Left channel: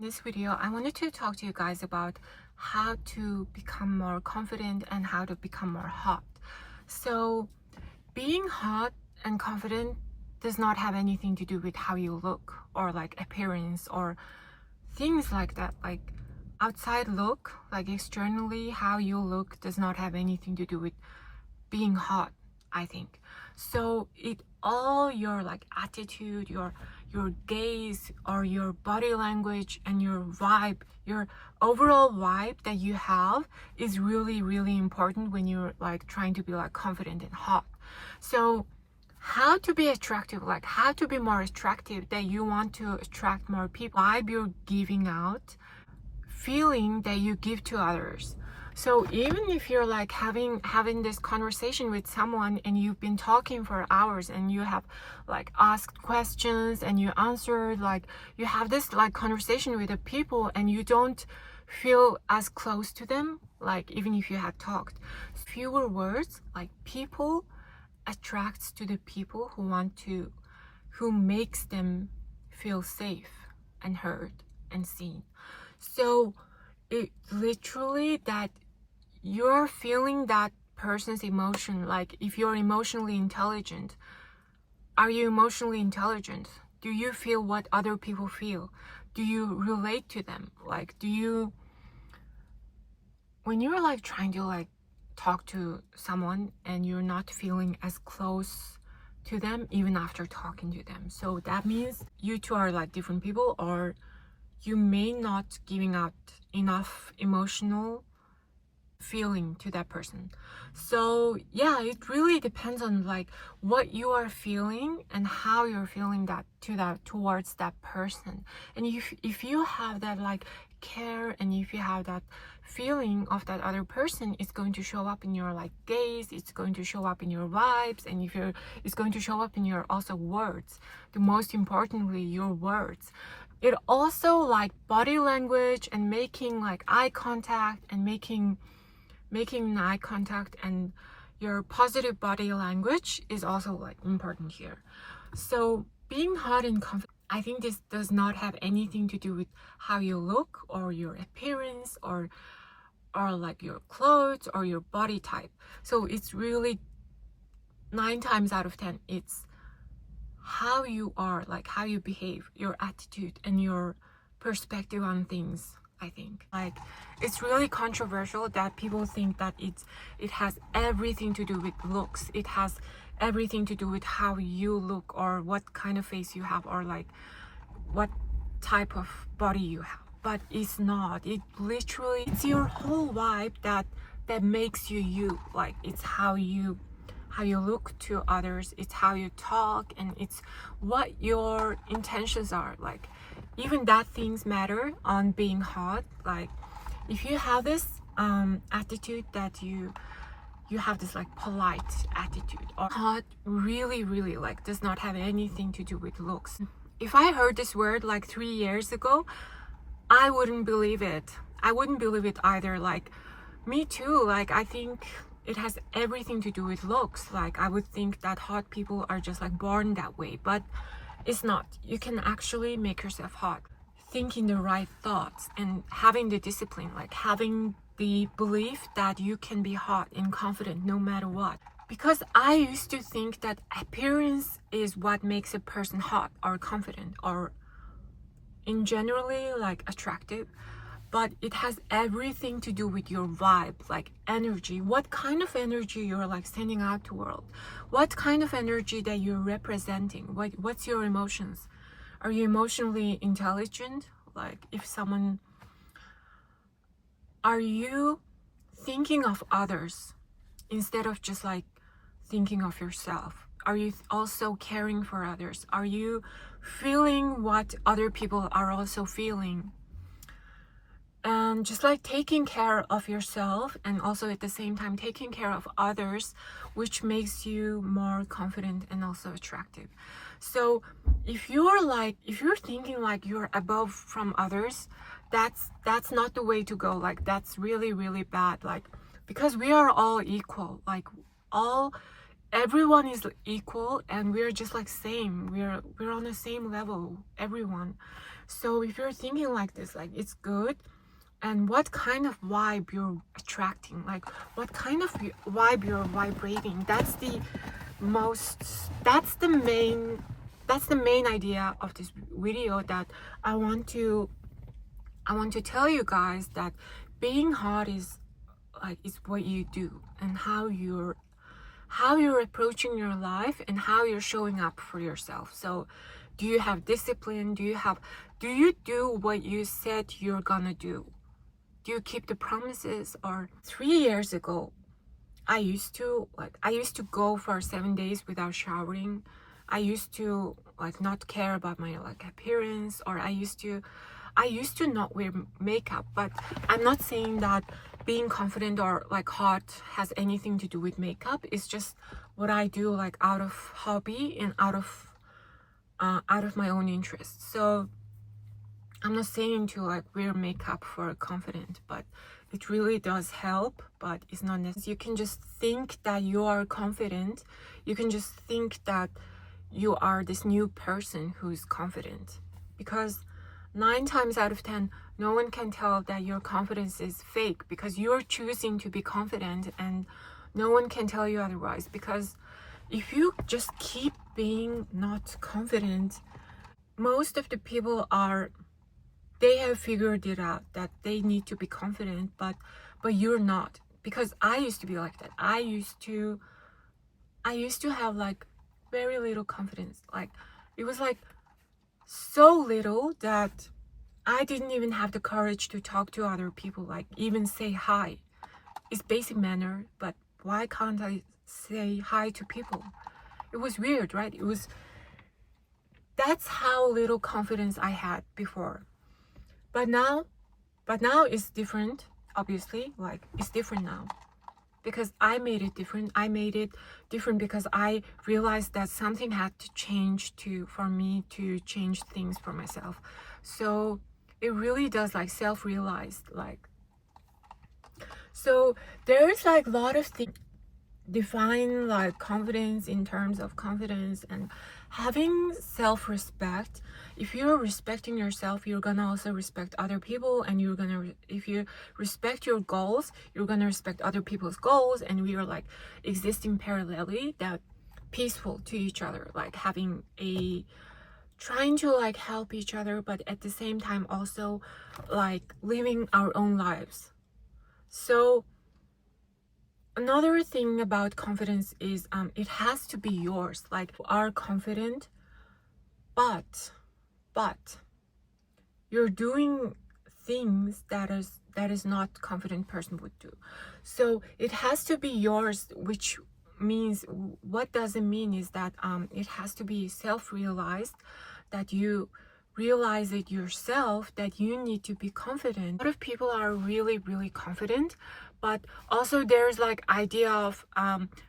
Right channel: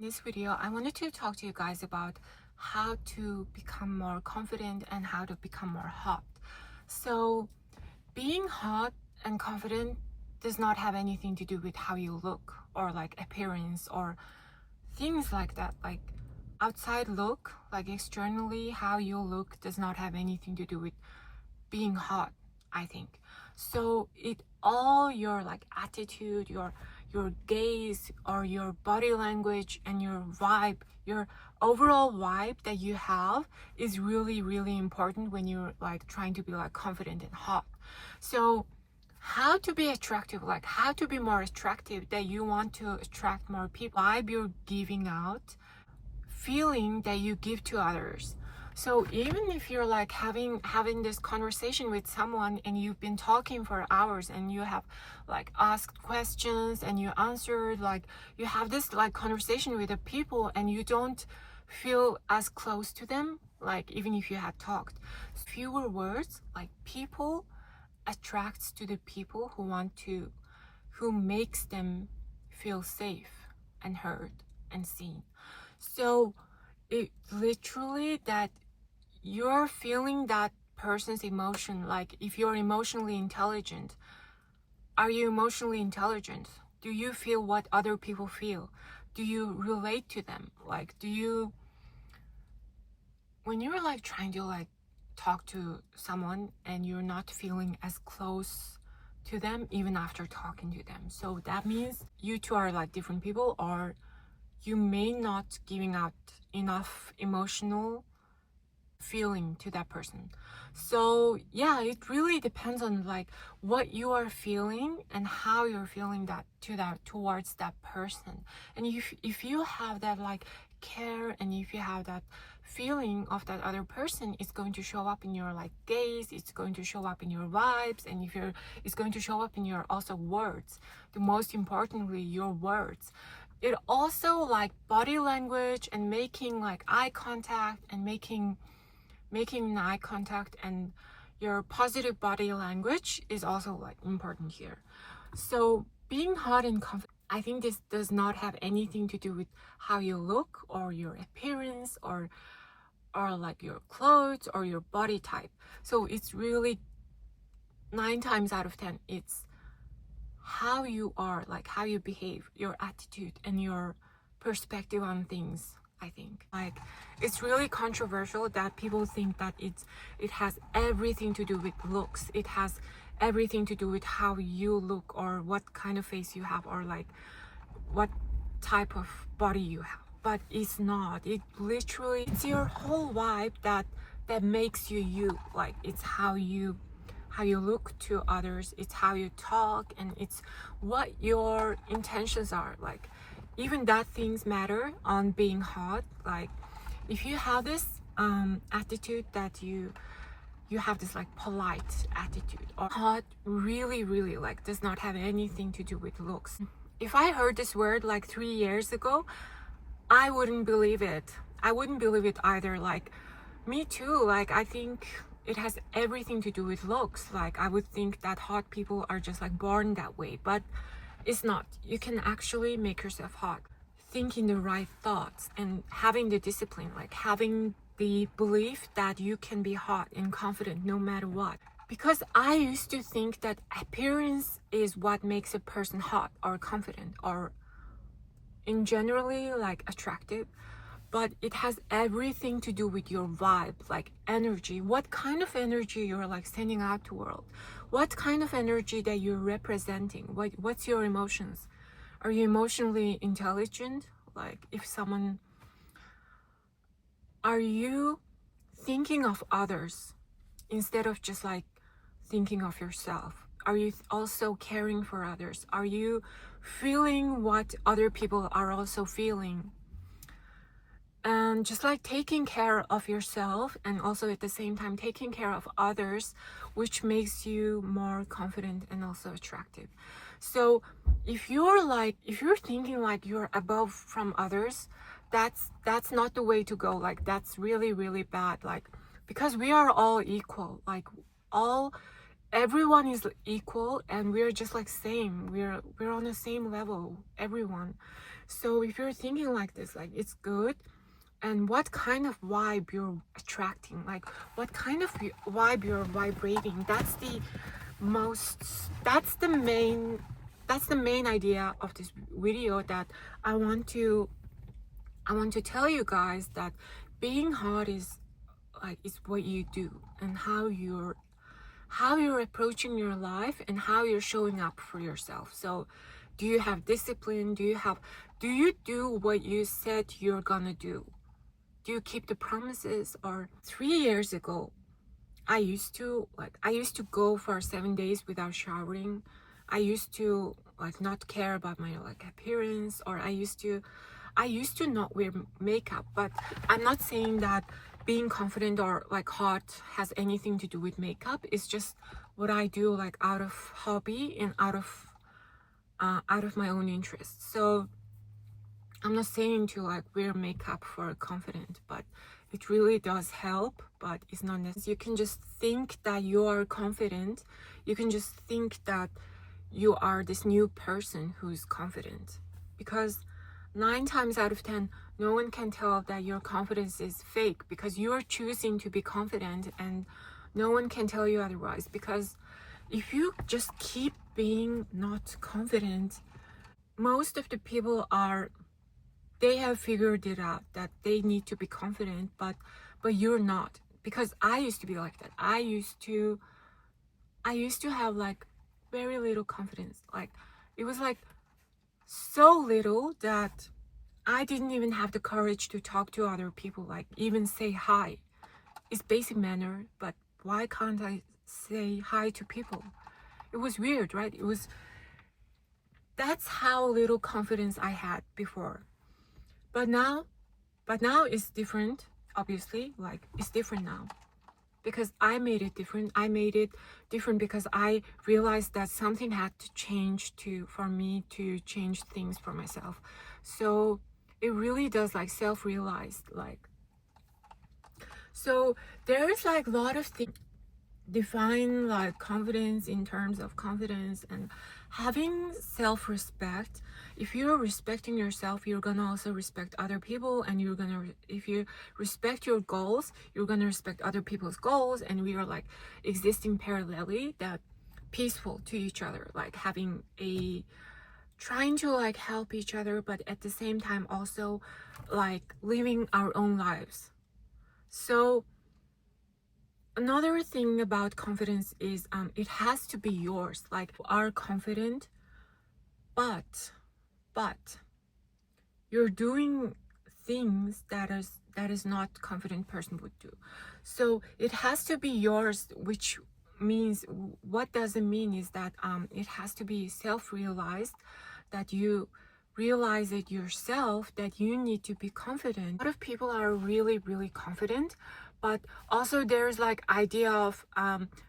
In this video, I wanted to talk to you guys about how to become more confident and how to become more hot. So, being hot and confident does not have anything to do with how you look or like appearance or things like that. Like outside look, like externally, how you look does not have anything to do with being hot, I think. So it all your like attitude, your gaze or your body language and your vibe, your overall vibe that you have is really, really important when you're like trying to be like confident and hot. So how to be attractive, like how to be more attractive, that you want to attract more people, vibe you're giving out, feeling that you give to others. So even if you're like having this conversation with someone and you've been talking for hours and you have like asked questions and you answered, like you have this like conversation with the people and you don't feel as close to them, like even if you had talked fewer words, like people attracts to the people who makes them feel safe and heard and seen. So it literally that you're feeling that person's emotion. Like if you're emotionally intelligent, are you emotionally intelligent? Do you feel what other people feel? Do you relate to them? Like when you're like trying to like talk to someone and you're not feeling as close to them even after talking to them, so that means you two are like different people, or you may not giving out enough emotional feeling to that person. So yeah, it really depends on like what you are feeling and how you're feeling that towards that person. And if you have that like care and if you have that feeling of that other person, it's going to show up in your like gaze, it's going to show up in your vibes, and it's going to show up in your also words. The most importantly, your words. It also like body language and making like eye contact and making eye contact and your positive body language is also like important here. So being hot and confident, I think this does not have anything to do with how you look or your appearance or like your clothes or your body type. So it's really 9 times out of 10 it's how you are, like how you behave, your attitude and your perspective on things. I think like it's really controversial that people think that it has everything to do with looks, it has everything to do with how you look or what kind of face you have or like what type of body you have, but it's not. It literally, it's your whole vibe that makes you. Like it's how you look to others, it's how you talk, and it's what your intentions are. Like even that things matter on being hot. Like if you have this attitude that you have this like polite attitude, or hot really like does not have anything to do with looks. If I heard this word like 3 years ago, I wouldn't believe it. I wouldn't believe it either. Like me too, like I think it has everything to do with looks. Like I would think that hot people are just like born that way, but it's not. You can actually make yourself hot. Thinking the right thoughts and having the discipline, like having the belief that you can be hot and confident no matter what. Because I used to think that appearance is what makes a person hot or confident or in generally like attractive. But it has everything to do with your vibe, like energy. What kind of energy you're like sending out to world? What kind of energy that you're representing? What's your emotions? Are you emotionally intelligent? Like if someone, are you thinking of others instead of just like thinking of yourself? Are you also caring for others? Are you feeling what other people are also feeling? And just like taking care of yourself and also at the same time taking care of others, which makes you more confident and also attractive. So if you're thinking like you're above from others, that's not the way to go. Like that's really bad. Like because we are all equal, like everyone is equal and we're just like same, we're on the same level, everyone. So if you're thinking like this, like it's good, and what kind of vibe you're attracting, like what kind of vibe you're vibrating, that's the main idea of this video, that I want to tell you guys that being hot is what you do, and how you're approaching your life, and how you're showing up for yourself. So do you have discipline? Do you do what you said you're gonna do? Do you keep the promises? Or 3 years ago, I used to go for 7 days without showering. I used to not care about my appearance, or I used to not wear makeup. But I'm not saying that being confident or hot has anything to do with makeup. It's just what I do out of hobby and out of my own interest. So I'm not saying to wear makeup for confident, but it really does help, but it's not necessary. You can just think that you are confident. You can just think that you are this new person who's confident, because 9 times out of 10, no one can tell that your confidence is fake, because you're choosing to be confident, and no one can tell you otherwise. Because if you just keep being not confident, most of the people they have figured it out that they need to be confident, but you're not. Because I used to be like that. I used to have very little confidence. It was so little that I didn't even have the courage to talk to other people, even say hi. It's basic manner, but why can't I say hi to people? It was weird, right? That's how little confidence I had before. But now it's different. Obviously, it's different now, because I made it different. I made it different because I realized that something had to change for me to change things for myself. So it really does self-realized. So there's a lot of things define confidence in terms of confidence and having self-respect. If you're respecting yourself, you're gonna also respect other people, and if you respect your goals, you're gonna respect other people's goals, and we are existing parallelly, that peaceful to each other, having trying to help each other, but at the same time also living our own lives. So another thing about confidence is it has to be yours. Are confident, but you're doing things that is not confident person would do. So it has to be yours, which means, what does it mean is that it has to be self-realized, that you realize it yourself, that you need to be confident. A lot of people are really, really confident, but also there's idea of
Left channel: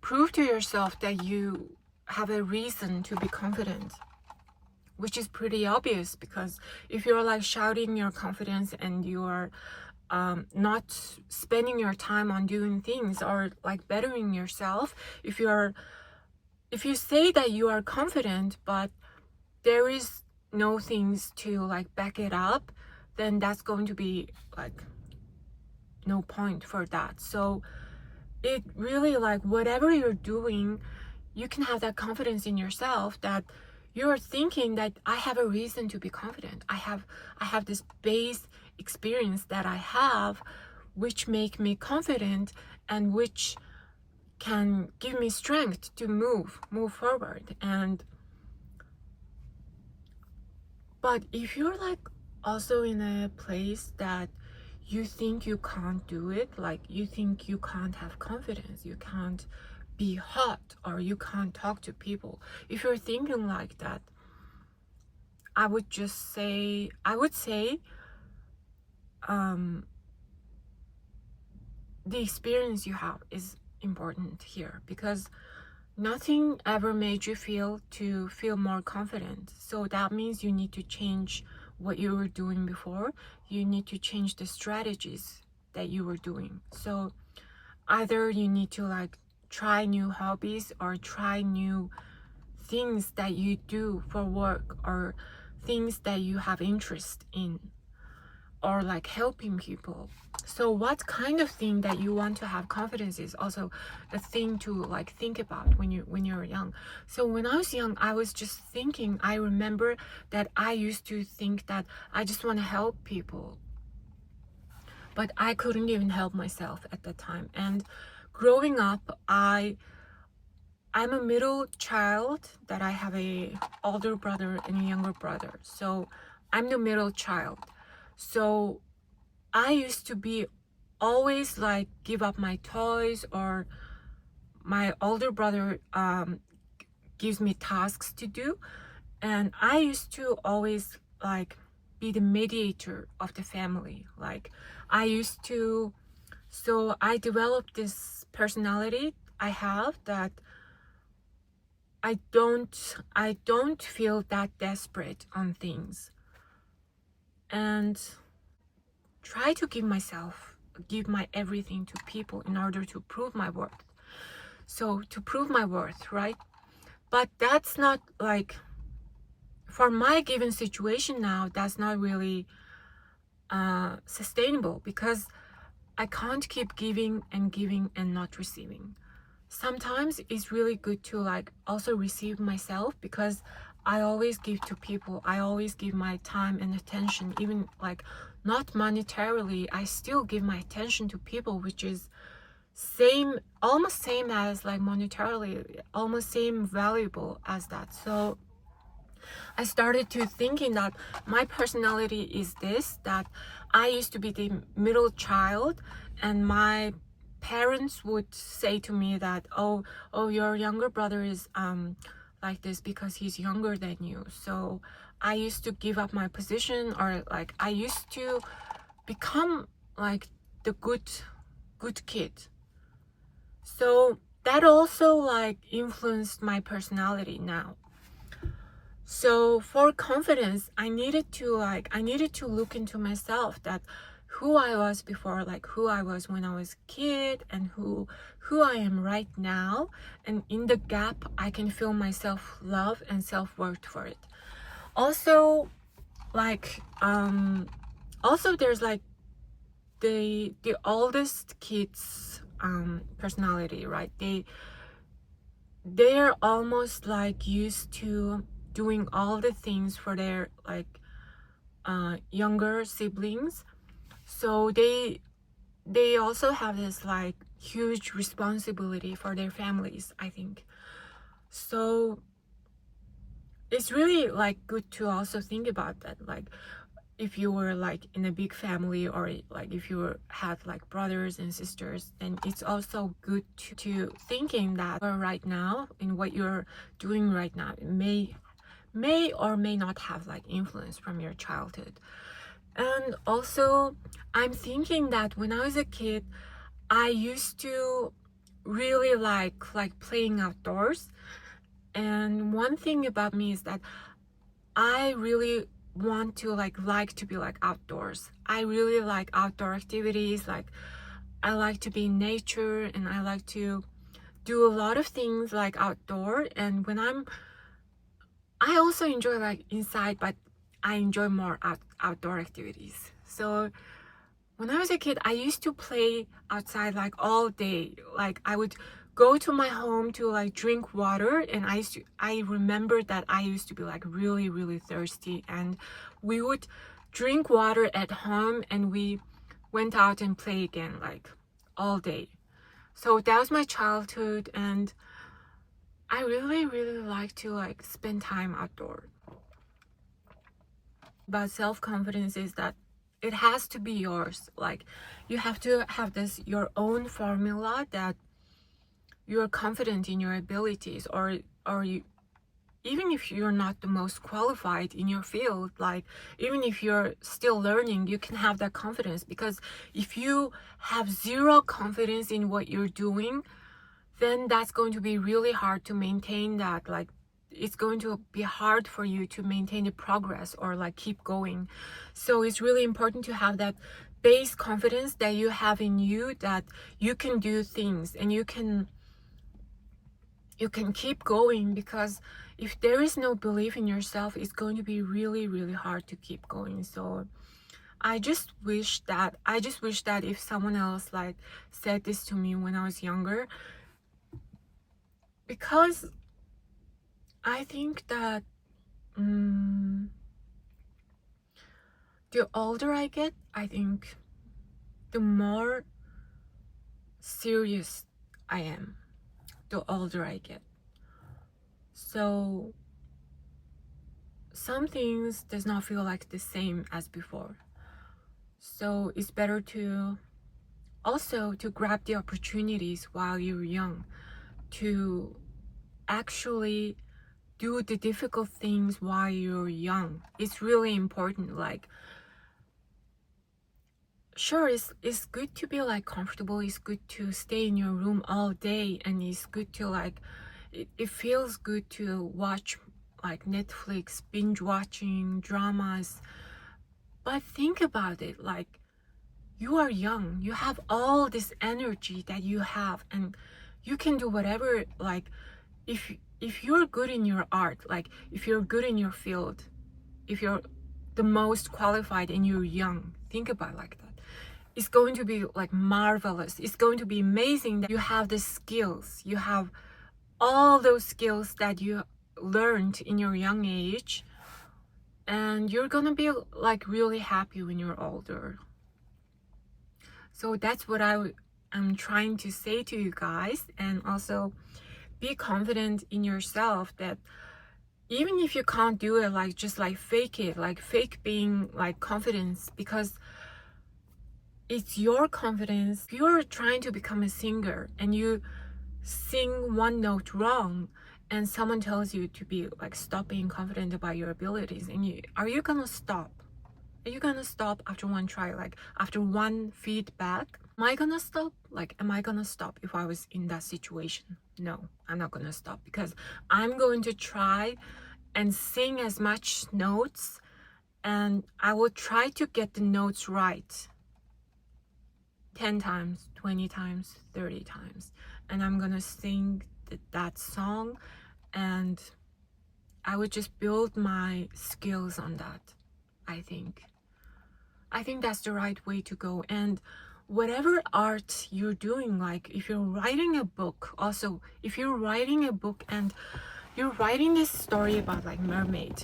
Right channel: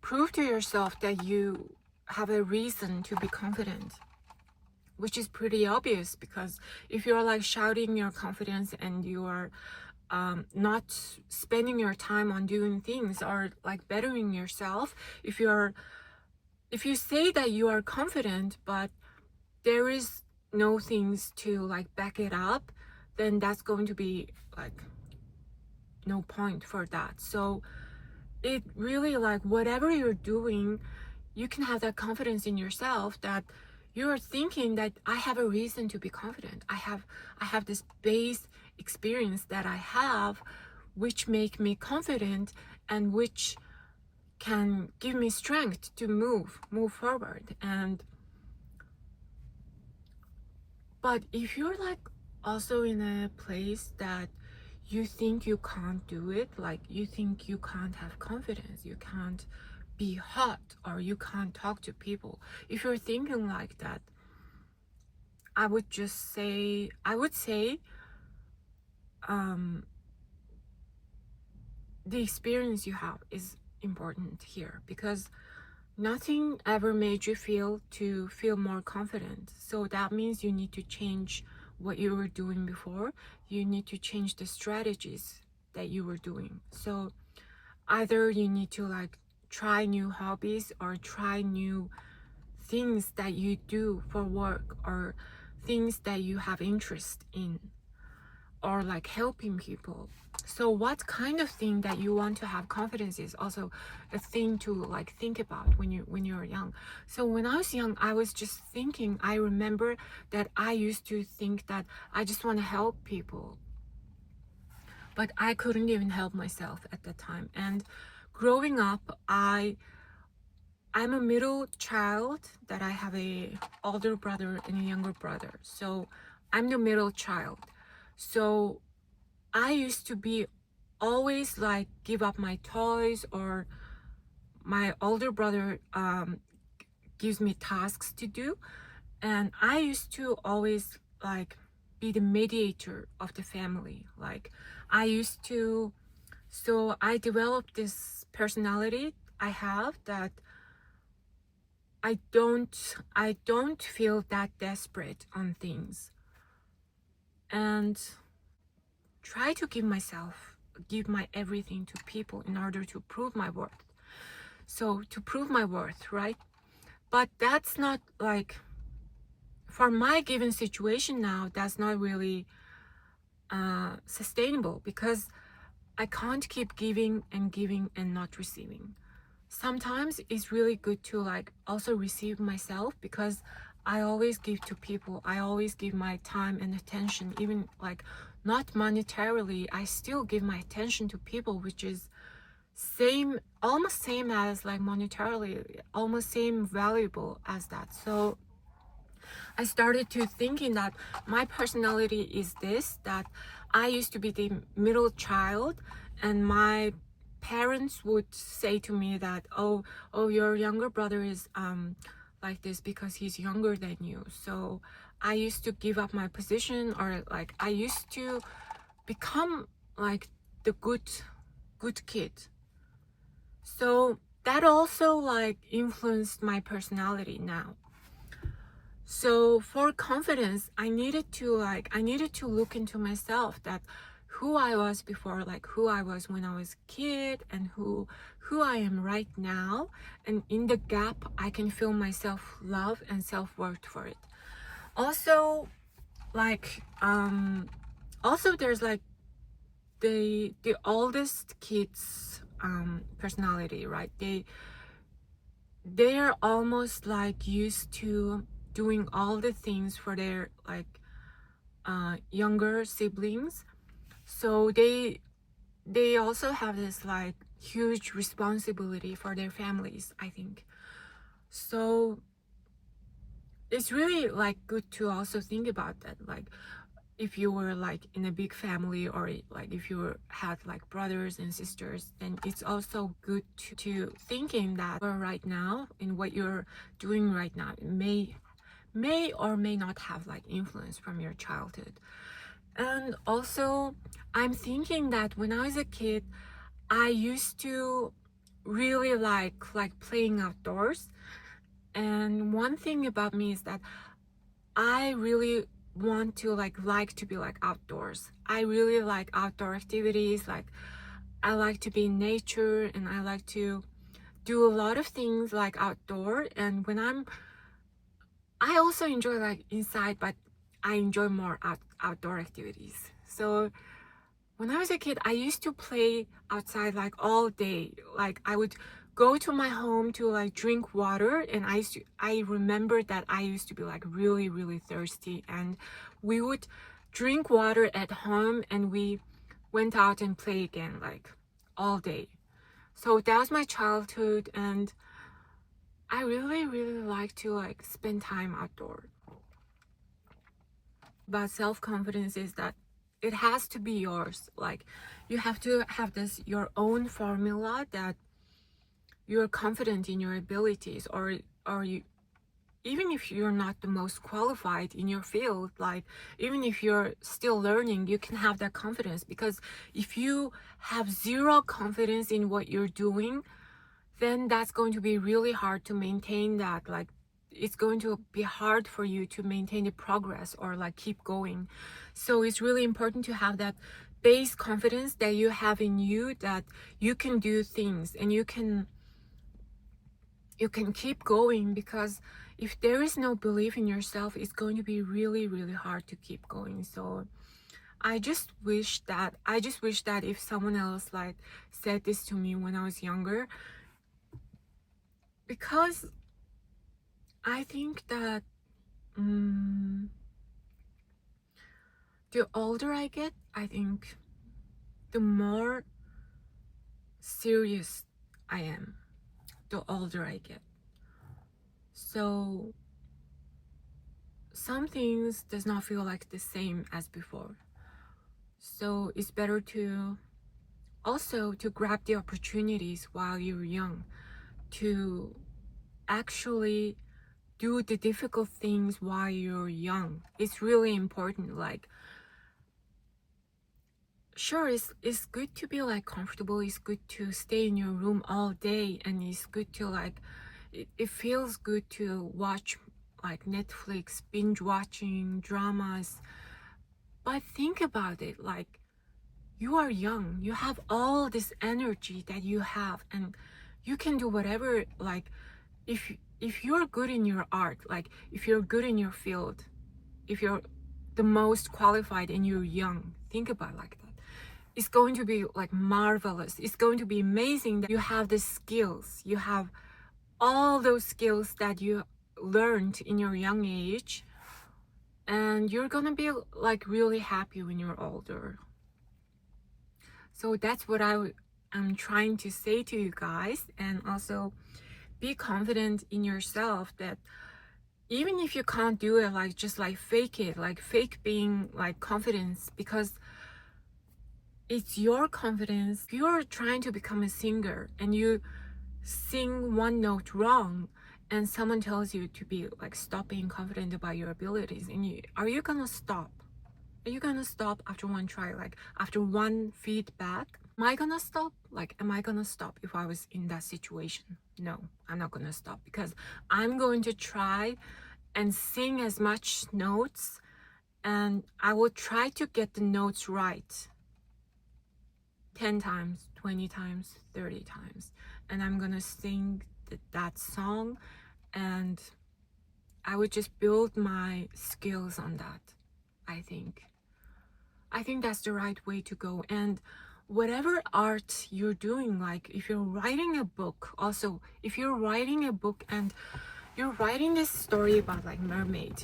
prove to yourself that you have a reason to be confident, which is pretty obvious. Because if you're shouting your confidence and you are not spending your time on doing things or bettering yourself, if you say that you are confident but there is no things to back it up, then that's going to be no point for that. So it really whatever you're doing, you can have that confidence in yourself, that you're thinking that I have a reason to be confident. I have this base experience that I have, which make me confident, and which can give me strength to move forward. But if you're also in a place that you think you can't do it, you think you can't have confidence, you can't be hot, or you can't talk to people, if you're thinking like that, I would say the experience you have is important here, because nothing ever made you feel more confident. So that means you need to change what you were doing before. You need to change the strategies that you were doing. So either you need to try new hobbies, or try new things that you do for work, or things that you have interest in, or like helping people. So what kind of thing that you want to have confidence is also a thing to like think about when you're young. So when I was young, I was just thinking, I remember that I used to think that I just want to help people, but I couldn't even help myself at that time. And growing up, I'm a middle child, that I have a older brother and a younger brother. So I'm the middle child. So I used to be always like give up my toys, or my older brother gives me tasks to do, and I used to always like be the mediator of the family. Like I used to, so I developed this personality I have, that I don't feel that desperate on things, and try to give my everything to people in order to prove my worth. So to prove my worth, right? But that's not like, for my given situation now, that's not really sustainable, because I can't keep giving and not receiving. Sometimes it's really good to like also receive myself, because I always give to people. I always give my time and attention, even like not monetarily. I still give my attention to people, which is almost same as like monetarily, almost same valuable as that. So I started to thinking that my personality is this, that I used to be the middle child, and my parents would say to me that, oh, your younger brother is like this because he's younger than you. So I used to give up my position, or like I used to become like the good kid. So that also like influenced my personality now. So for confidence, I needed to look into myself, that who I was before, like who I was when I was a kid, and who I am right now. And in the gap, I can feel my self-love and self-worth for it. Also, like also there's like the oldest kids personality, right? They're almost like used to doing all the things for their like younger siblings. So they also have this like huge responsibility for their families, I think. So it's really like good to also think about that, like if you were like in a big family, or like if you had like brothers and sisters, then it's also good to thinking that right now, in what you're doing right now, may or may not have like influence from your childhood. And also I'm thinking that when I was a kid, I used to really like playing outdoors. And one thing about me is that I really want to like to be like outdoors. I really like outdoor activities. Like I like to be in nature, and I like to do a lot of things like outdoor. And when I also enjoy like inside, but I enjoy more outdoor activities. So when I was a kid, I used to play outside like all day. Like I would go to my home to like drink water, and I remember that I used to be like really, really thirsty, and we would drink water at home, and we went out and play again like all day. So that was my childhood, and I really, really like to like spend time outdoors. But self-confidence is that it has to be yours. Like you have to have this your own formula, that you're confident in your abilities, or you, even if you're not the most qualified in your field, like even if you're still learning, you can have that confidence. Because if you have zero confidence in what you're doing, then that's going to be really hard to maintain that. Like it's going to be hard for you to maintain the progress or like keep going. So it's really important to have that base confidence that you have in you, that you can do things, and you can you can keep going, because if there is no belief in yourself, it's going to be really, really hard to keep going. So I just wish that if someone else like said this to me when I was younger, because I think that the older I get, I think the more serious I am, the older I get. So some things does not feel like the same as before. So it's better to also to grab the opportunities while you're young, to actually do the difficult things while you're young. It's really important. Like, sure, it's good to be like comfortable, it's good to stay in your room all day, and it's good to like it feels good to watch like Netflix, binge watching dramas. But think about it, like, you are young, you have all this energy that you have, and you can do whatever. Like, if you're good in your art, like if you're good in your field, if you're the most qualified and you're young, think about it like that. It's going to be like marvelous. It's going to be amazing that you have the skills. You have all those skills that you learned in your young age, and you're gonna be like really happy when you're older. So that's what I'm trying to say to you guys. And also be confident in yourself, that even if you can't do it, like just like fake it, like fake being like confidence, because it's your confidence. If you're trying to become a singer and you sing one note wrong, and someone tells you to be like, stop being confident about your abilities, and are you gonna stop? Are you gonna stop after one try, like after one feedback? Am I gonna stop? Like, am I gonna stop if I was in that situation? No, I'm not gonna stop, because I'm going to try and sing as much notes, and I will try to get the notes right 10 times, 20 times, 30 times. And I'm gonna sing that song, and I would just build my skills on that. I think that's the right way to go. And whatever art you're doing, like if you're writing a book, also if you're writing a book and you're writing this story about like mermaid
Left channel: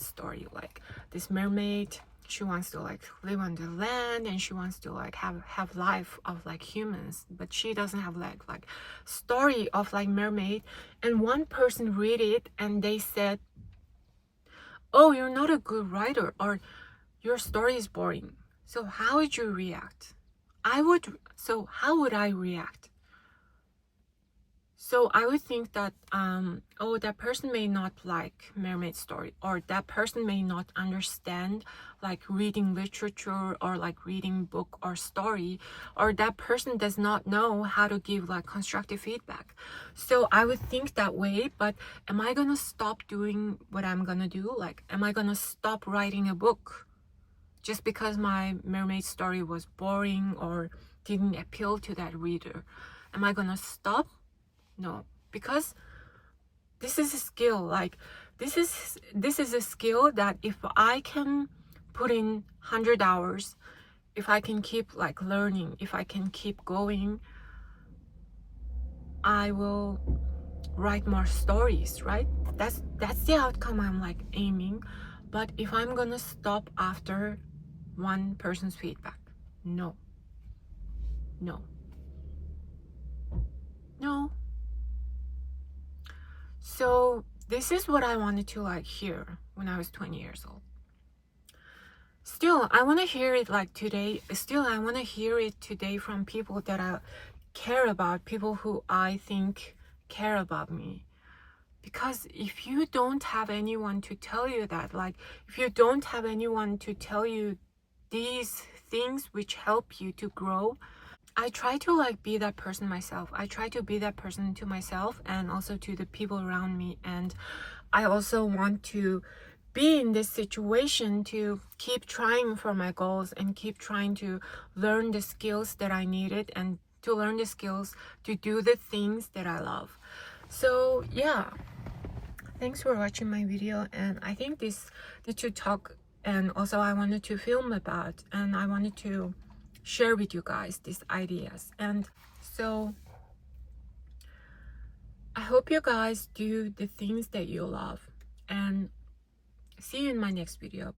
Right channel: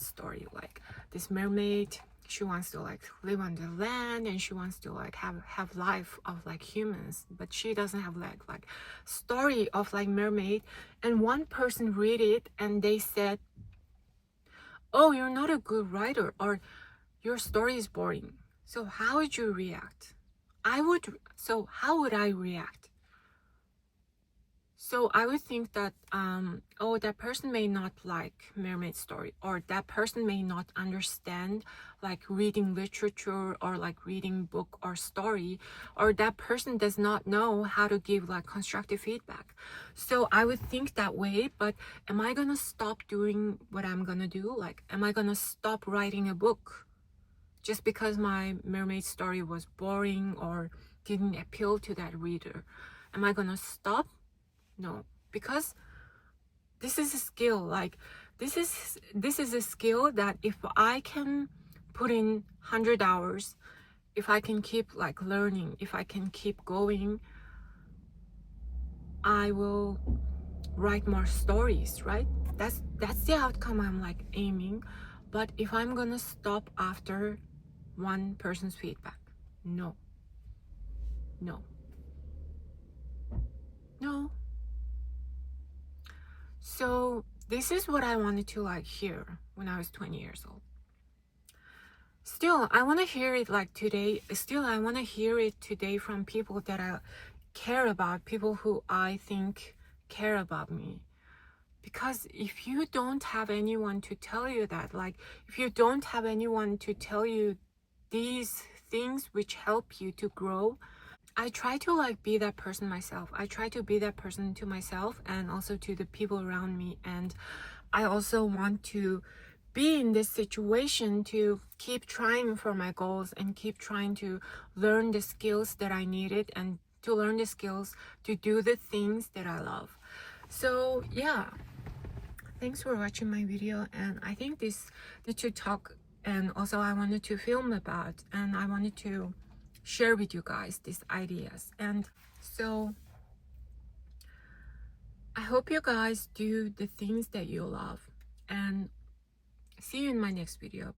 story, like this mermaid, she wants to like live on the land, and she wants to like have life of like humans, but she doesn't have like story of like mermaid. And one person read it and they said, oh, you're not a good writer, or your story is boring. So how would you react? How would I react? So I would think that, oh, that person may not like mermaid story, or that person may not understand like reading literature, or like reading book or story, or that person does not know how to give like constructive feedback. So I would think that way. But am I gonna stop doing what I'm gonna do? Like, am I gonna stop writing a book just because my mermaid story was boring or didn't appeal to that reader? Am I gonna stop? No, because this is a skill. Like, this is a skill that if I can put in 100 hours, if I can keep like learning, if I can keep going, I will write more stories, right? That's the outcome I'm like aiming. But if I'm gonna stop after one person's feedback, no. So this is what I wanted to like hear when I was 20 years old. Still, I want to hear it like today. Still, I want to hear it today from people that I care about, people who I think care about me. Because if you don't have anyone to tell you that, like if you don't have anyone to tell you these things which help you to grow, I try to like be that person myself. I try to be that person to myself and also to the people around me. And I also want to be in this situation to keep trying for my goals and keep trying to learn the skills that I needed, and to learn the skills to do the things that I love. So yeah, thanks for watching my video. And I think this to talk, and also I wanted to film about, and I wanted to share with you guys these ideas. And so I hope you guys do the things that you love, and see you in my next video.